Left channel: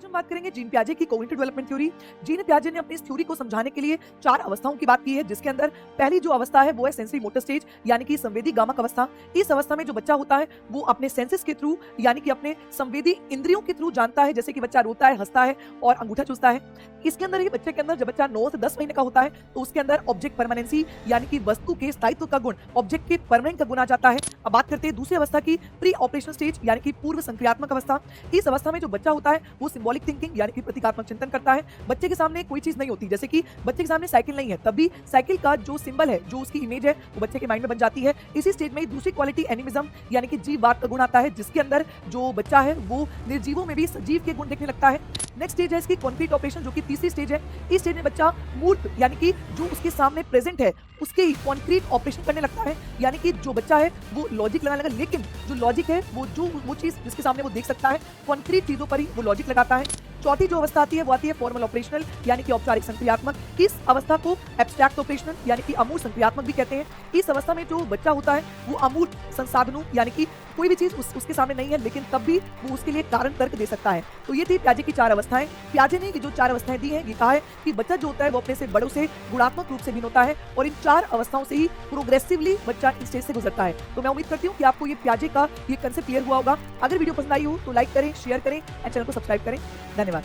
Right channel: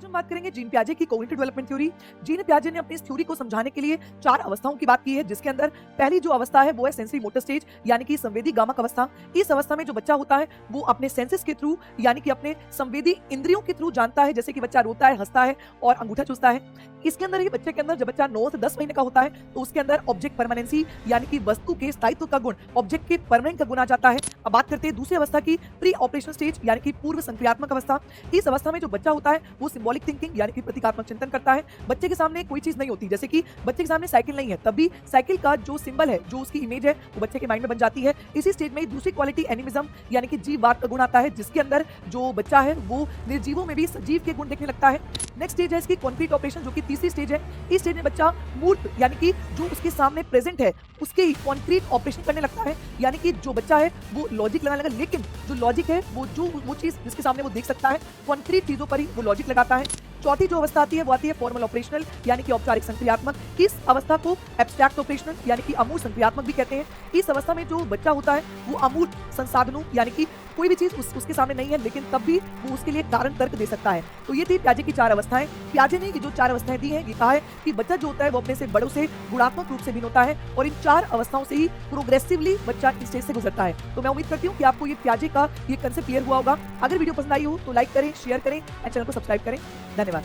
आज हम बात करेंगे जीन पियाजे की कॉग्निटिव डेवलपमेंट थ्योरी। जीन पियाजे ने अपनी इस थ्योरी को समझाने के लिए 4 अवस्थाओं की बात की है, जिसके अंदर पहली जो अवस्था है वो है सेंसरी मोटर स्टेज यानी कि संवेदी गामक अवस्था। इस अवस्था में जो बच्चा होता है वो अपने सेंसेस के थ्रू यानी कि अपने संवेदी इंद्रियों के थ्रू जानता है, जैसे कि बच्चा रोता है, हंसता है और अंगूठा चूसता है। इसके अंदर ये बच्चे के अंदर जब बच्चा 9 से 10 महीने का होता है तो उसके अंदर ऑब्जेक्ट परमानेंसी यानी कि वस्तु के स्थायित्व का गुण, ऑब्जेक्ट के परमानेंट का गुण आ जाता है। अब बात करते हैं दूसरी अवस्था की, प्री ऑपरेशनल स्टेज यानी कि पूर्व संक्रियात्मक अवस्था। इस अवस्था में जो बच्चा होता है वो सिंबॉलिक थिंकिंग यानी कि प्रतीकात्मक चिंतन करता है। बच्चे के सामने कोई चीज नहीं होती, जैसे कि बच्चे के सामने साइकिल नहीं है, तब भी साइकिल का जो सिंबल है, जो उसकी इमेज है, वो बच्चे के माइंड में बन जाती है। इसी स्टेज में दूसरी क्वालिटी एनिमिज्म यानी कि जीववाद का गुण आता है, जिसके अंदर जो बच्चा है वो निर्जीवों में भी सजीव के गुण देखने लगता है। नेक्स्ट स्टेज है इसकी कॉन्क्रीट ऑपरेशन, जो कि तीसरी स्टेज है। इस स्टेज में बच्चा मूर्त यानी कि जो उसके सामने प्रेजेंट है उसके कॉन्क्रीट ऑपरेशन करने लगता है, यानी कि जो बच्चा है वो लॉजिक लगाने लगा, लेकिन जो लॉजिक है वो चीज जिसके सामने वो देख सकता है, कॉन्क्रीट चीजों पर ही वो लॉजिक लगाता है। चौथी जो अवस्था आती है वो आती है फॉर्मल ऑपरेशनल यानी कि औपचारिक संक्रियात्मक। इस अवस्था को एब्स्ट्रैक्ट ऑपरेशनल यानी कि अमूर्त संक्रियात्मक भी कहते हैं। इस अवस्था में जो बच्चा होता है वो अमूर्त संसाधनों यानी कि कोई भी चीज उसके सामने नहीं है, लेकिन तब भी वो उसके लिए कारण तर्क दे सकता है। तो ये थी पियाजे की 4 अवस्थाएं। पियाजे ने जो 4 अवस्थाएं दी है, ये कहा है कि बच्चा जो होता है वो अपने से बड़ों से गुणात्मक रूप से भिन्न होता है और इन 4 अवस्थाओं से ही प्रोग्रेसिवली बच्चा इस स्टेज से गुजरता है। तो मैं उम्मीद करती हूँ कि आपको ये पियाजे का ये कंसेप्ट क्लियर हुआ होगा। अगर वीडियो पसंद आई हो तो लाइक करें, शेयर करें और चैनल को सब्सक्राइब करें। धन्यवाद।